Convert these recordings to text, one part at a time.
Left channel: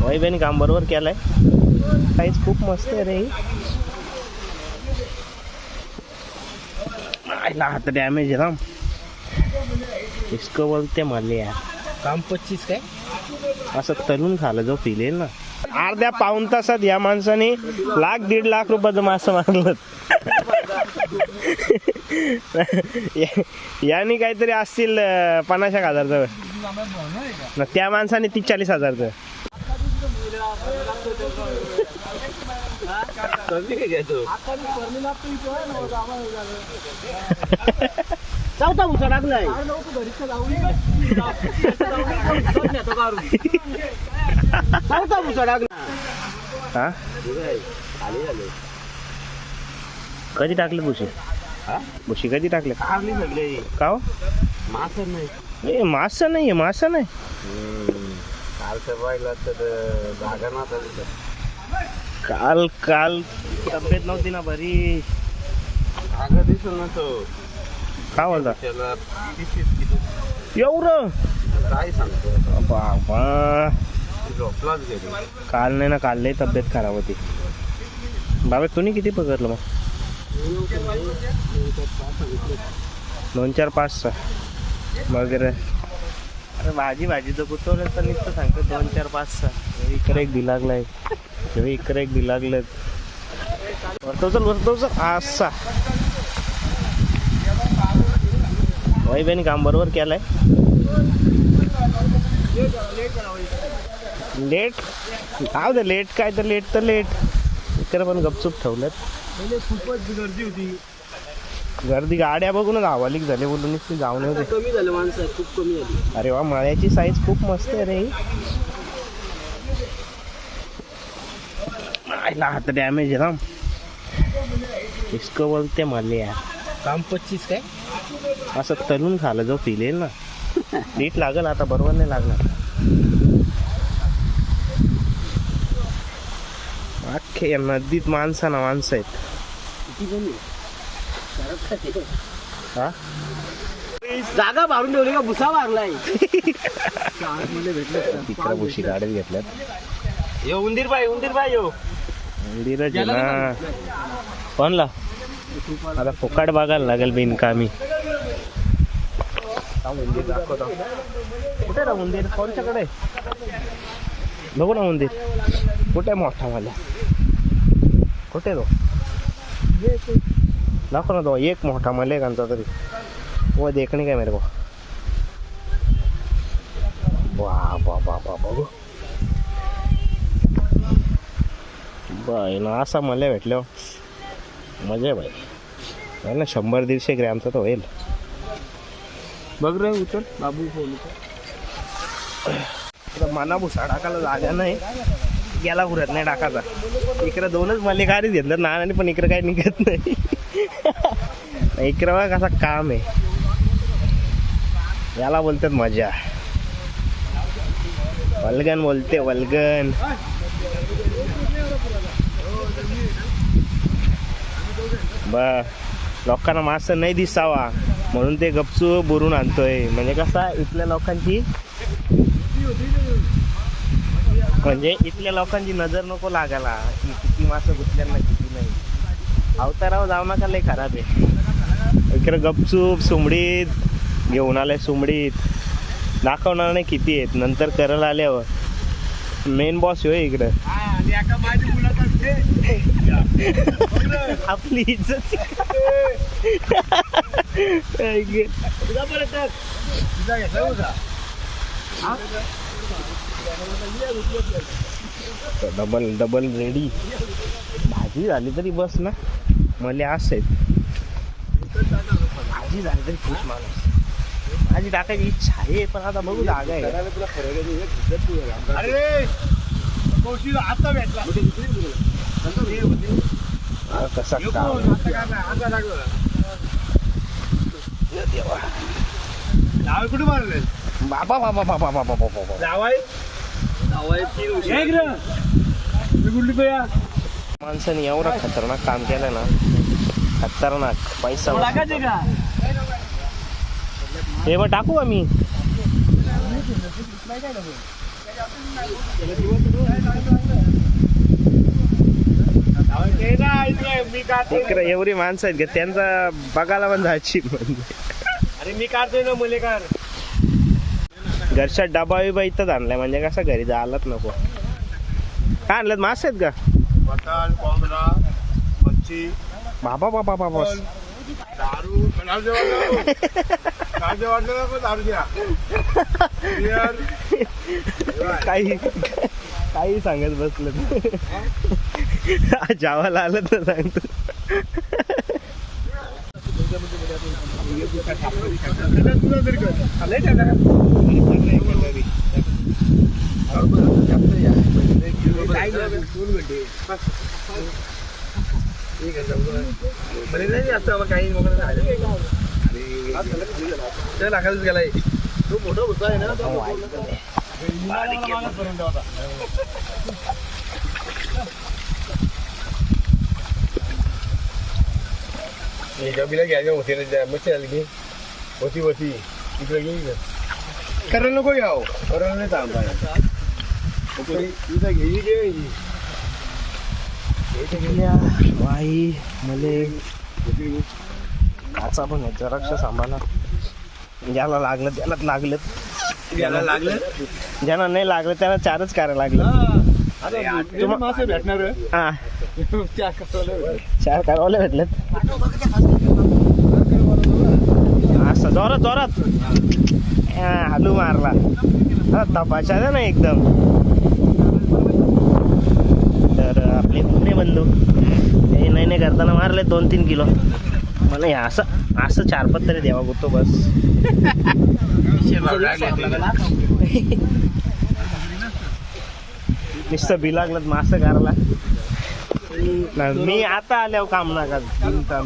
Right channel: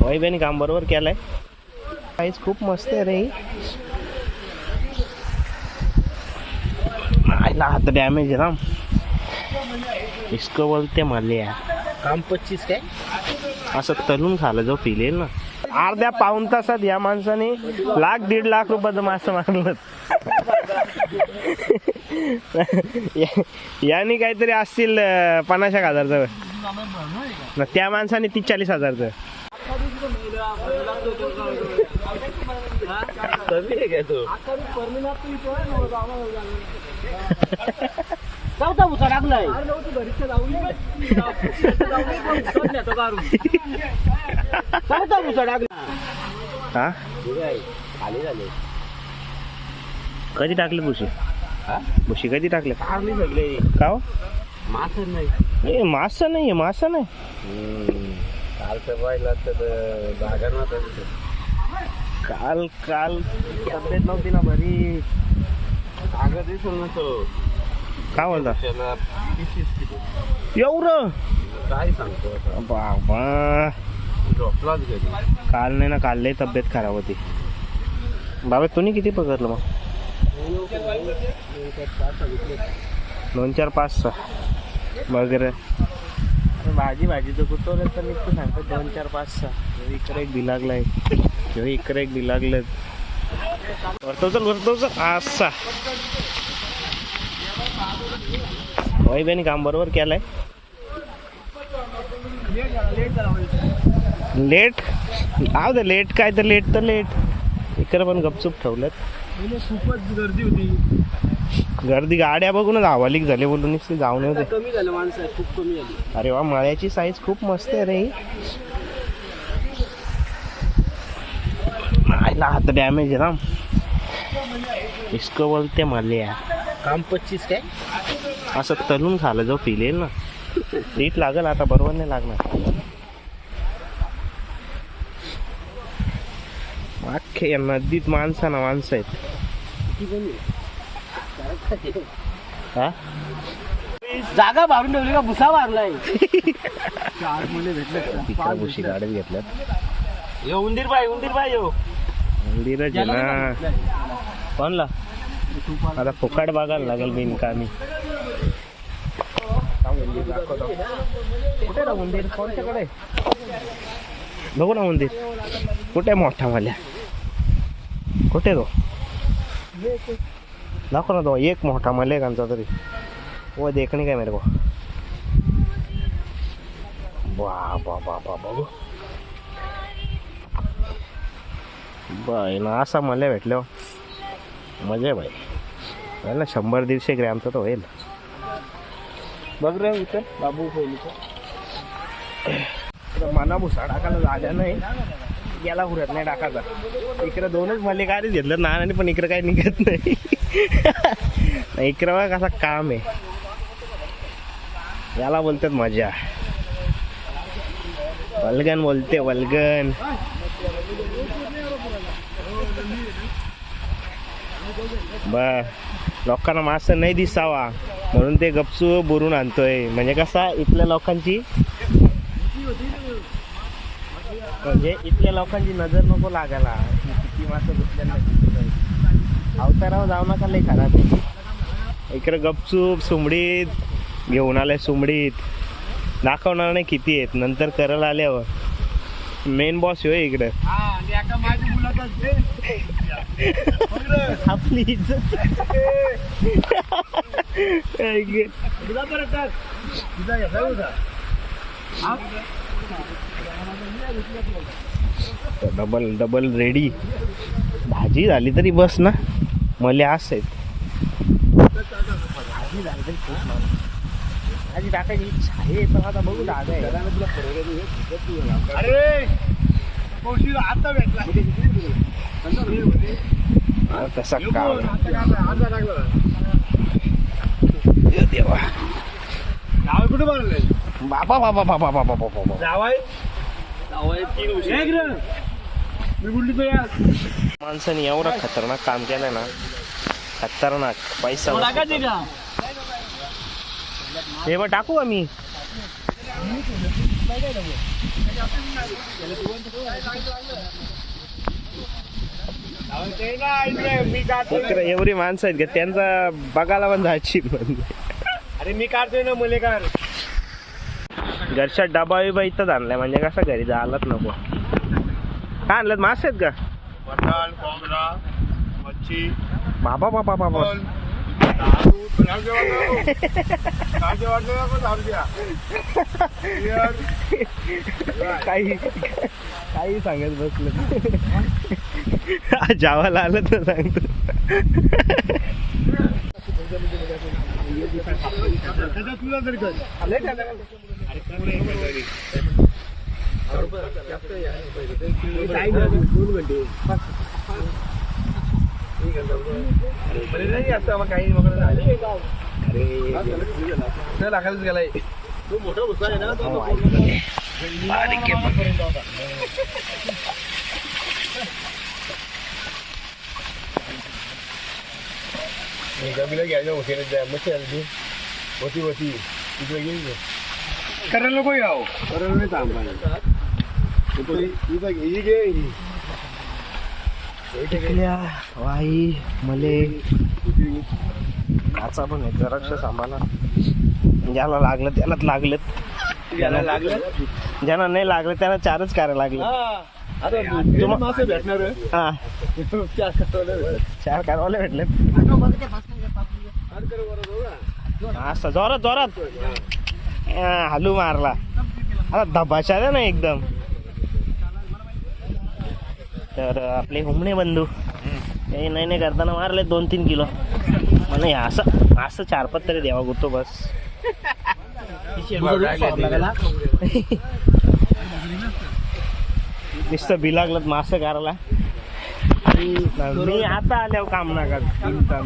वैभ्याने काम बरोबर केलंय. काहीच खूप मस्त आहे रे. आईला हात डॅमेज आहे ना. इसको बोलते मला. यार काम पच्चीस काय? असं तलून खायला जो फील येईल ना. अर्ध्या पाऊन तासात या माणसाने लाख दीड लाख रुपयाचं मासं मारलं. यांनी काहीतरी असतील पन्नास एक हजारचं. न त्या माणसाने तीस चाळीस हजारचं. कमी आहे काय तो चौथा भुसा टाकलाय चौथा भुसा टाकला हा? खाली झाले कधी टाकले भुशी हा? भुशी कधी टाकले? खाली सगळे का हो? मास नाही. ए, मासं नाही मासं नाही. कालचं पाहिलं तर जागा काल काल तब्येत नव्हती ना बरी. जागा दिसल ना तो. का बोलता त्याला किलो. एवढं? काय सांगतो आता? बाबा. झोपलाच गेलो. काल नाही ना काल लई तब्येत खराब होती. बाबा तुम्ही किती पकडलं मग? दोन चार पाच सहा. वगैरे अरे भाजी भाजी तर गुतवलं तर निघतं सांगतो दोन चार पाच सहा. इकडे एक बी लागलाय ह्यो इकडे एक बी लागलं वरतो चल वरतो चल असा वैभ्याने काम बरोबर केलंय. लेट? आव दे लेट काय तर लेट तर लेट. इकडे पण गपचूप ठेवल्यात खूपच गर्दी होती. गर्दी गाड्या बघूनच हवालीक झाले बोलून नुसती जाऊन होते कमी झालं माणसं खूप कमी झाली. अरे वा मळ्याची साईज खूप मस्त आहे रे. आईला हात डॅमेज आहे ना. इसको बोलते मला यार काम पच्चीस काय? असं तलून खायला जो फील येईल ना. नीट लागल आता बरोबर नाही लागणार. अख्खे या नदीत माणसं ना माणसं आहेत हा? जागा मारून ठेवली का? भुसा मारलाय. तिकडे भुशी गाड्यात घेतल्यात. ये उंदीर बाई उंदीर बाई यो. मंदिरच आहे ना. कोणला? आता फुकाट बघायला लागेल बिनकामी. कुठे ना मंदिर कोणच्याकडे? बघू ना मंदिर कुठे मोठा मला कुठे तो? दाखव ना तो एक मोठा मले कांचा तरी. वो देखणे काय मेरे को. बघू बाय ना असा मला भेटल्यावर. मजा बाई ना शंभर दीडशे ग्रॅमचा तर होईल. बघ रे इथं बाबू मना भुसा टाकायला जागा नाही. गेला पुरत नाही टाकायचा इकडे दोनच मले काय घेतलं नानाने पण इकडे काय निघत नाही. इकडे बघा कसा काम आहे. याला बोलतात मजा. वल्गन बोलते वल्गन. बर. लोकांना मासं नाही दिसावा. म्हणून ते गपचू बुरून आणतोय. म्हणजे कसा इथल्या लोकांची म्हणजे इथल्या लोकांची नजर नको लागायला. की किती मासं गुतल्यांना अवतारावर जाऊ नका लय खराब आहे. इकडे गपचूप सुमडीत घेऊन आलाय सुमडीत. दाखवणार नाही किती आहेत नंतर करल आल्यावर. मेन बॉस होय इकडं. आपली इज्जत. डबल डबल रेडी भाजी झाली तरी बस ना. मले असं आहेत भाजी झाली तरी खुश माणूस. भाजी टाकायची इच्छा आहे पण आता बघू जागा आहे. अरे! कौशिक आता भेटला. हा, कसा काम देवा. नाव कुठे मारले बाबा बाबा बाबा बाबा बाबा बाबा. जावाय जावाय तीन मी कुठली तो या. माणसाने एवढा खतरनाक काम केलं ना खतरनाक पैसा हे बघ टाकू आम्ही इकडे एवढी माणसं आहेत का? त्यांचा बघायला पण जायची अरे मी काढतोय ना मलेकार घरच्या डबा बिबा इथंच आणलाय म्हणजे कसं घरी जायलाच नको. काय आणलं मासे आहेत का? मटण कोंबडा मच्छी बाबा बाबा बाबा दारू वाटलं नको दारू द्या Beer. काही काही सांगत बसलं जावाला आलं तर सांगतो तुला तरी कर करायला नको याव करायला नाही थांबा इथं घे ही घे ही. टिकल्या वाई मले काचा पण आहे जराक्ष सांभाळा ज्याला लागलं त्यालाच लागलं लागलं ज्यांना नाही लागलं त्यांना चारच करायला लागलं अरे तुम्हा- मासे भेटणार हा चार कारवाले भेटलेत असं जोरात जोरात हा, हालू मारला आहे ना एकदम तर आपले हुमणे बंधू. काही नाही नाही करताना मारले दोन तीन किलो. मला हे असं असं चार पत तरी द्यावा गुतो बस. नुसतं बी लागलं मासं करायला मी आता आल्यावर काम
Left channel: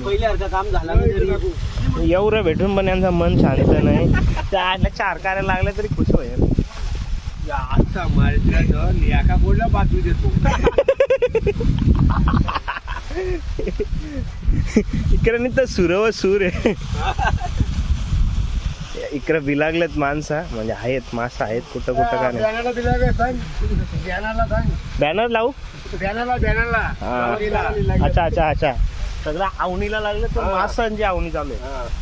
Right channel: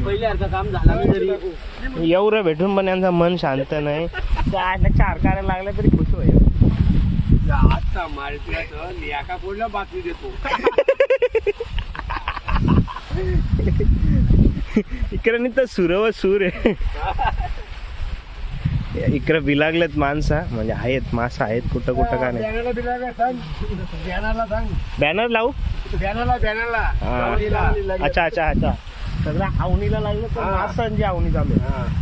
पहिल्यासारखं काम एवढं भेटून पण यांचं मन शांत नाही. त्या चार करायला लागल्या तरी खुश होईल. आता बोलला बातमी देतो. इकडे नाही तर सुर व सूर आहे. इकडे बिलागलेत माणसं म्हणजे आहेत माणसं आहेत कुठं कुठं का नाही. बॅनर लावू? बॅनरला बॅनरला. अच्छा अच्छा अच्छा. सगळं आवणीला लागलं तर. माणसांची आवणी चालू आहे.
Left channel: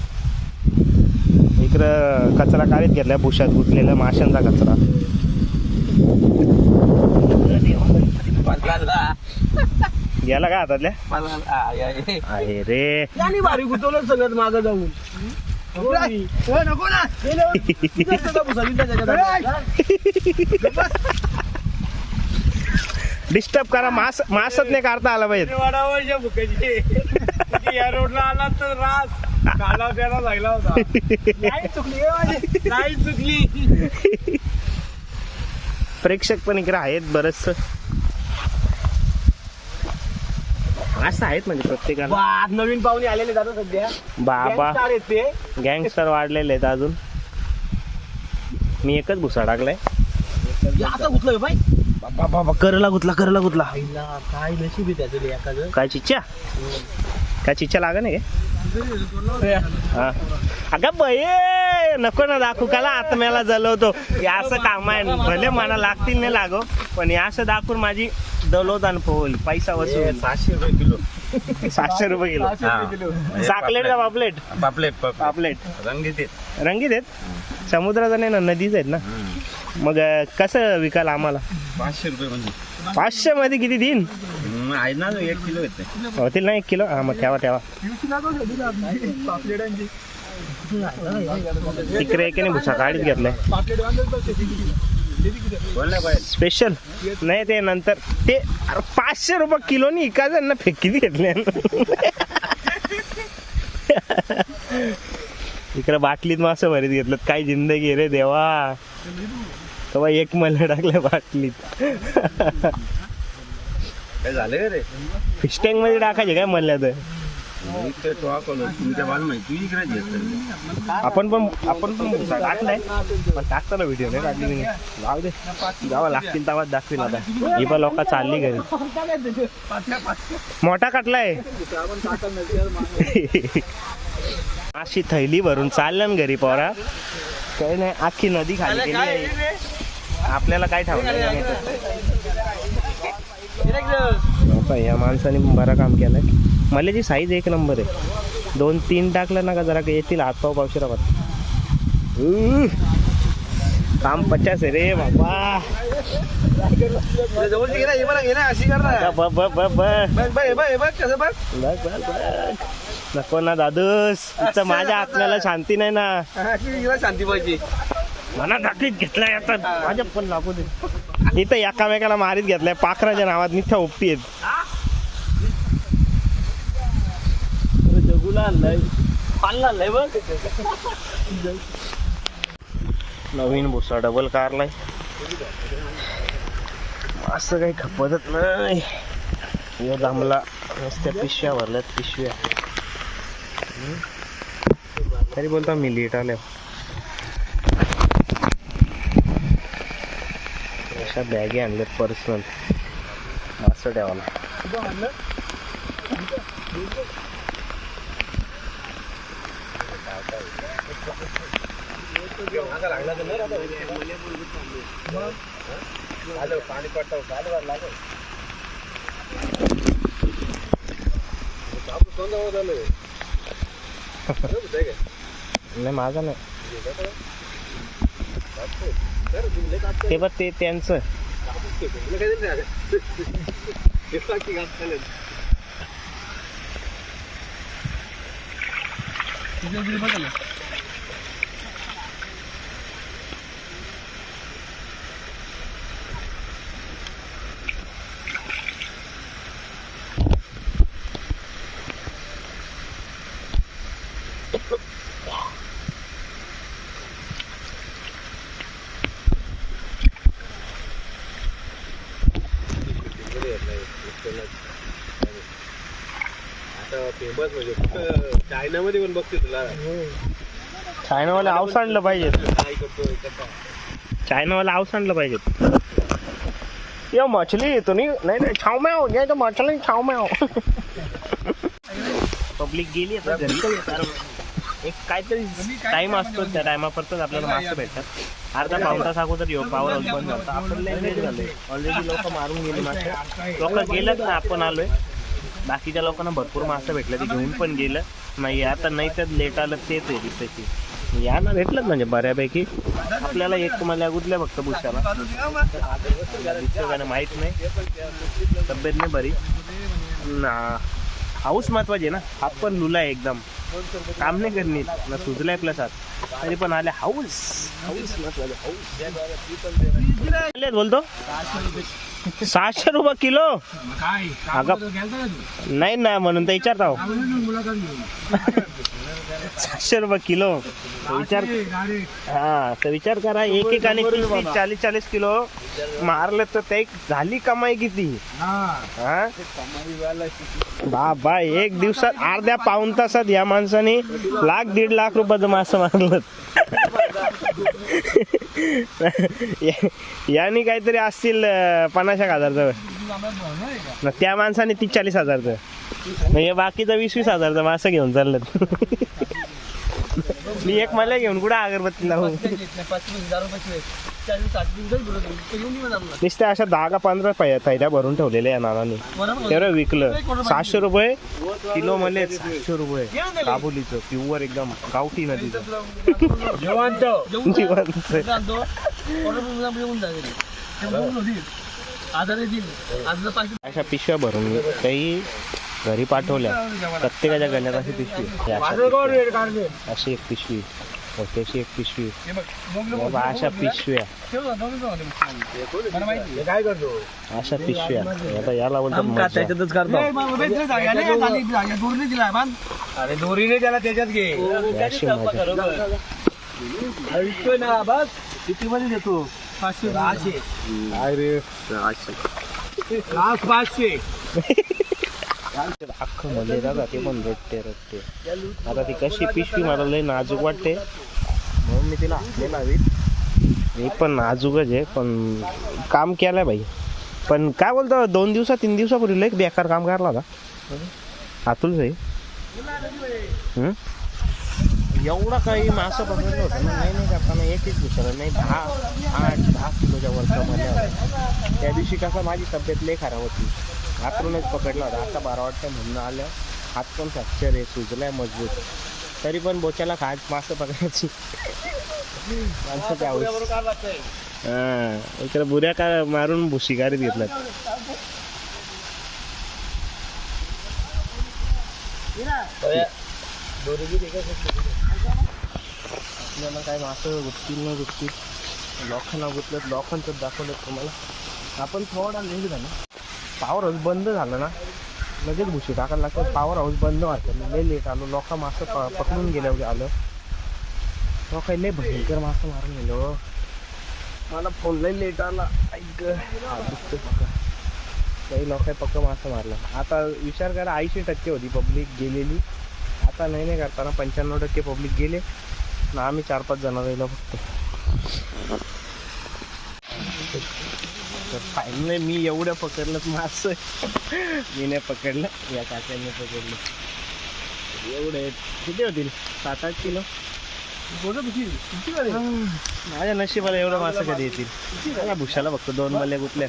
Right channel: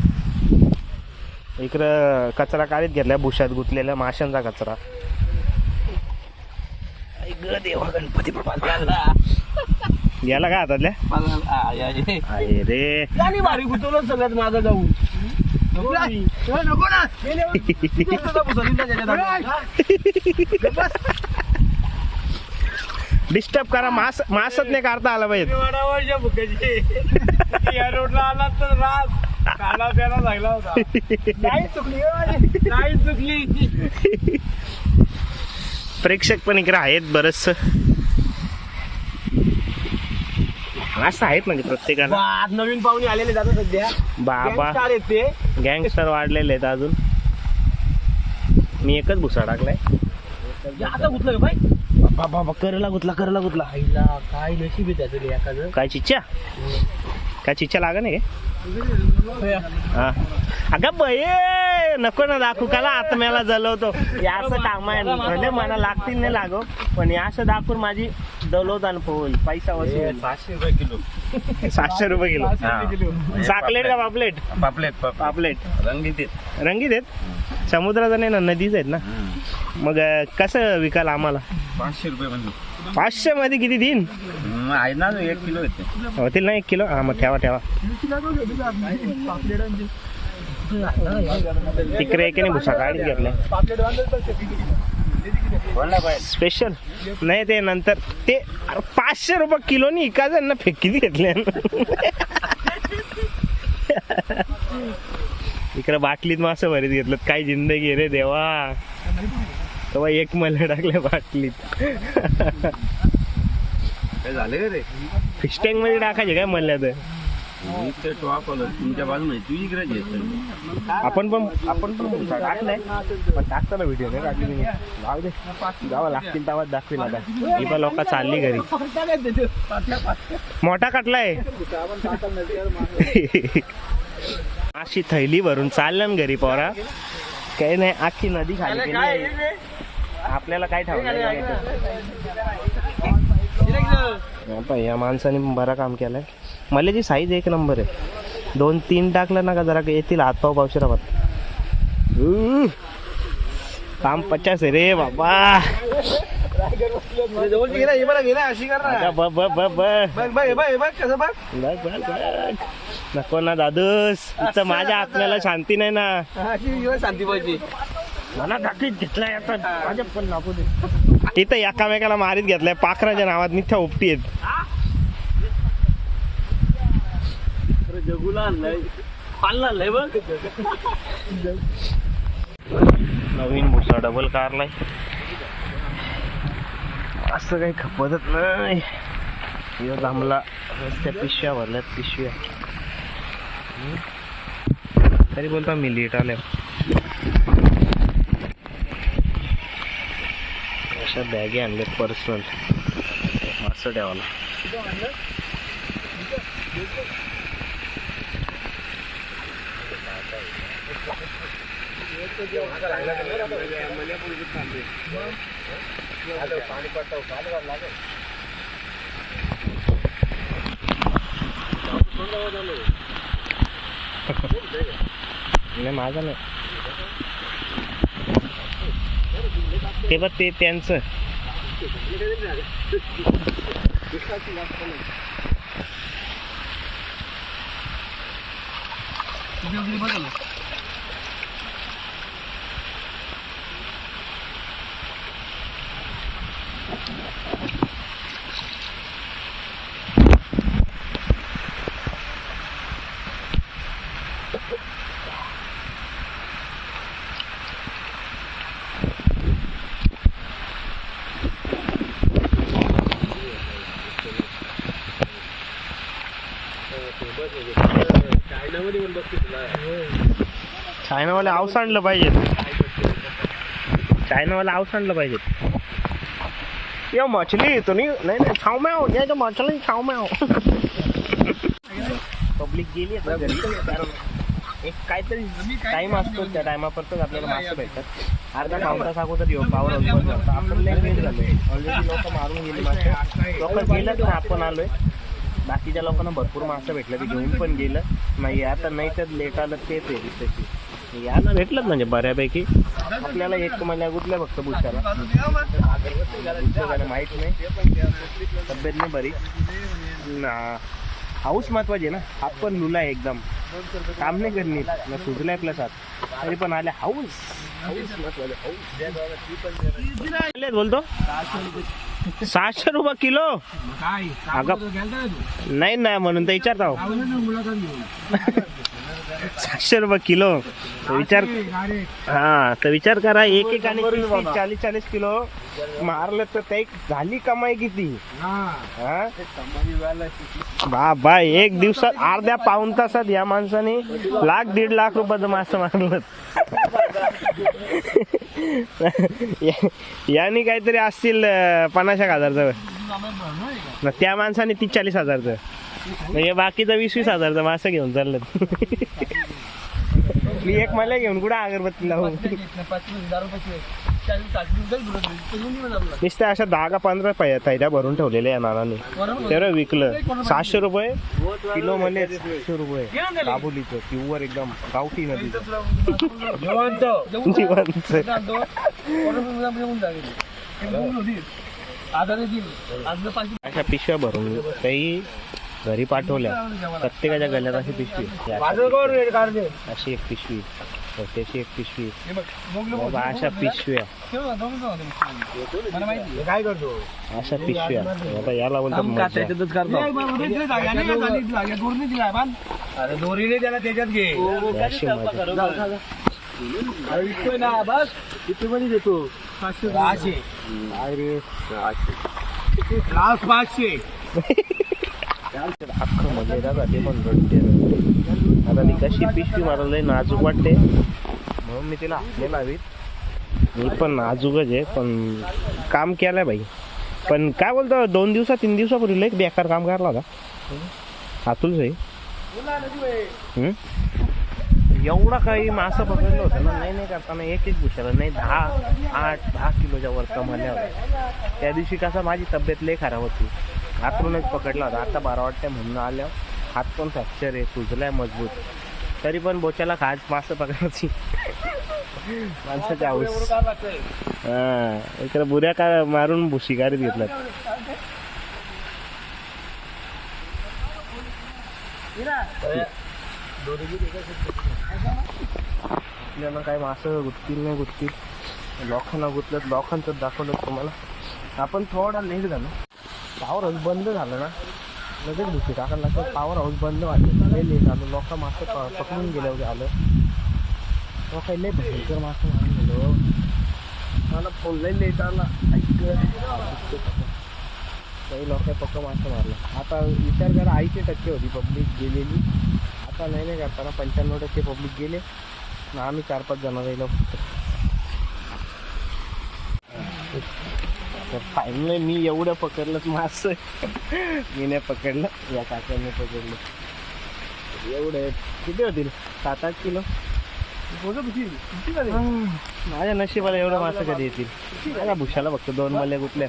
इकडं कचरा काढीत घेतलाय भुशात गुतलेला माशांचा कचरा. देवा गणपती बाप्पा. गेला का हातातल्या? रे. भारी गुतवलं सगळ्यात मागं जाऊन. नको ना. ए, नको ना. गेल्यावर तिथं सगळं भुसावळीला त्याच्यात. डिस्टर्ब करा. मास मासच नाही काढता आला पाहिजे. वाडावरच्या भुक्याची या रोडला आला तर रास. काला प्याला लागला होता. नाही चुकली माझी. नाही चुकली. प्रेक्षक पण इकडे आहेत बरच असं आहेत म्हणजे प्रत्येकाला. बा, नवीन पाहुणे आलेले जातात सध्या. बाबा. गँगस्टर वाढलेले आहेत अजून. मी एकच भुसा टाकलाय. आता गुतलं बाई? बाबा बाबा करला गुतला करला गुतला. आईला काय नशीब आहे त्याचं एखादं काय चिच्च्या काय चिच्च्या लागा नाही अगं बये नको ना दाखवू काला आत्म्याला जलवतो. हे असं काम आहे. भले मला लागतील नाही लागो पण हे असं दाखवून माझी दलोदान पोहोल. पैसा वसूल. सातशे रुपये किलो. सातशे रुपये किलो. साकलेट का पापलेट? पापलेट पापलेट. रंगीत रंगीत आहेत? समुद्राचा नाही ना नदीच आहेत ना? मग कसं विकाल आम्हाला? पाचशे रुपये म्हणजे. पाचशे मध्ये किती दिन हम्म, आहे ना एक किलो येते. होतील ना एक किलो? हा मग ठेवा ठेवा. तिकडे एकाने भुसा? काढीत घेतलाय स्पेशल नाही ते नंतर. ते अरे पाचशे रुपये किलोनी इकायचं ना फेकीत घेतले. इकडे बाटलीत मासं भरीत घेतलं काय जिंदगी रे देवा. तेव्हा एक मला टाकल्या बाटलीत. काय झालं रे? फिश टँकमध्ये टाकायचे काय म्हणल्या तर? इकडे टॉप आलो तुमच्या बाजूने तू इकडे येत आपण पण आपण पण टाकलाय पण टाकताना व्हिडिओ नाही टाकली मी. जाऊ दे. जावा लागतील तेव्हाच दाखवीन आता. ही पण लोक चालली घरी. मोठा कटलाय. अशी थैली भरून चालल्या ना घरी पोरा. काही नाही आखी नदी खाली गेली. आपल्याला काय ठेवलं आता या माणसाने बरं काम केलंय. मला जी साईज एक नंबर आहे. दोन तीन टाकलं ना का जरा येतील हातपाव पावशिरावर काम पचास आहे रे बाबा. नको ना दादूस. इथं माझ्या आत्म्याला शांती नाही ना. शांती पाहिजे. मना दाखवीत घेतलाय आता. माझ्या पण लागू दे. इथं एकामेकाला मारीत घेतलाय. पाखराच्या नावात मिथ्या उपटी आहेत. जगूला आणलाय. नवीन भुसा डबल कारलाय. असं काही खपतच नाही. यो जमला नुसत्या पिशव्या भरल्यात पिशव्या. तरी बोलता मी लेट आल्या अशा बॅगे आणल्यात पर्सनल असं ठेवाला नाही माझा नाही. ते बघ ते त्यांचं. बघायला चायनामध्ये पण बघते तुला. चायनावाले आऊस आणलं पाहिजे चायनावाला आऊस आणलं पाहिजे या मछली तो नाही नाही नाही छाव म्याव. या तो मछली छाव म्याव. पब्लिक गेली आता घरी. कारण एक काहीतरी टाइम असतो त्या टायमापर्यंत आपल्याला मासे भेटतात. अर्धा पाऊन तास अगोदर येऊ पावर हाऊस बंद झालं. आपण लय लेट झालोय. ऑलरेडी लोक मारून गेले मासे लोक गेलेत ना आपण आलोय. बाकीच्या लोकांना भरपूर मासे भेटलं ते घेऊन पण गेलं. नाही आता नाही तर लेट आलं तेच आहे दिसायची यांना भेटलं म्हणजे बऱ्यापैकी. आपल्याला एक मला कुठल्या फक्त पुष्याला दिसलं नाही माहीत नाही. तब्येत नाही बरी. ना हाऊस महत्वाची आहे ना. हात पण लुला आहे एकदम. काम नाही करणे ना सुजलाय प्लस हात तरी पण आले हाऊस. हाऊस महत्त्वाचे हाऊस. बोलतो? सहाशे रुपये किलो? काय? अगं तू? नाही ना म्हणून तर विचारता. हो. मुलाखत सहाशे रुपये किलो. तर विचार डायरेक्ट. हा तर विचार करा एक एक आणि चाळीस चाळीस किलो मारले तर ते झाली कमाई किती? हा. हा? बाबा एक दिवसात अर्ध्या पाऊन तासात या माणसाने लाख दीड लाख रुपयाचं मासं मारलं. याने काहीतरी असतील पन्नास एक हजारचं. ना त्या माणसाने तीस चाळीस हजारचं. म्हणजे बाकीचं वीस वीस हजारचं असं घेऊन चाललं मी एक मला घेऊन कुठं अगरबत्ती लावू नुसत्या अशा दहा का पंधरा पै तैऱ्या भरून ठेवलेल्या या नानाने. तेवढं विकलं. सहाशे रुपये? किलो मध्ये सातशे रुपये. काबुलीचं प्युअर एकदम गावठी नदीचं. जिवंत. अशा पिशव्या भरून काही घरी पाठवल्या. प्रत्येकाच्या गल्यात अशी पिशवी ही अशा एक पिशवी हो, त्याची एक पिशवी बाबा अशा पिशव्या. काय करतो? अशा पिशव्या आता याला बोलतात मजा अरे दोरीने त्याला त्याच्यात घे. ही. अशी मजा. ना बस. किती मध्ये देतो? पाचशे. सहाशे. अरे. लास्ट अख्खं मध्ये दादा ते पण रडते रडते आता ती कशी पिशवी मला लई नाजूक वाटते. म्हणून मी तिला हात लावीत. मी पण नाजूकच आहे पण काम केलंय बाई. पण काय बोलतो दोन दिवसा तीन दिवसापूर्वी लय बेकार काम करला होता. अतुल सही एवढा काही मासा पकडलं होतं ना नाही नाही करताना एक एक भुशाला नाही दहा आठ दहा किलोच्या वरचा मल्या होत्या. त्या दिवशी कसा माझी तब्येत लय खराब होती. आतूनच पकडला होता. आता बारा वाटते म्हणून आलं हात पण फ्रॅक्चर आहे सुजलाय मजबूत. तरी पण बोच्याला खात मासं पकडायची. माणसाच्या आऊस हा इकडे बुऱ्या का मारून शिकारीत घेतल्यात आपल्याला काय मासं गुटतील ना गुटतील लोकांना गुतलं लोकांचं दाखवलं तुम्हाला. आपण थोडा लेट झालो. पॉवर हाऊस बंद झालं ना लगेच भुशी टाकायला लागतं पॉवर हाऊस बंद वाटलं. लय लेट आलो. लोक मासं प- पकडून गेल्यावर आलं. लोक लय भयंकर मासं मारून गेलो हो. मला फोन लय लेट आला. ऐक हा दुसते पकड. काही लोक पक्क मासं मारलं. आता विचार करा ऐंशी टक्के होती पब्लिक गेलेली. आता नाही नाही करताना पंच्याण्णव टक्के पब्लिक गेले. ना आम्ही चार पाच जण राहिलो फक्त तर फायनली मी एवढं पकडलं मास मी नाही पकडलं या काकांनी पकडलं. एवढे किती होतील? सात आठ किलो? माझ्या नशिबाला एवढं मासं कधी येतील? भुशाला फक्त दोन मल्या गुतल्या.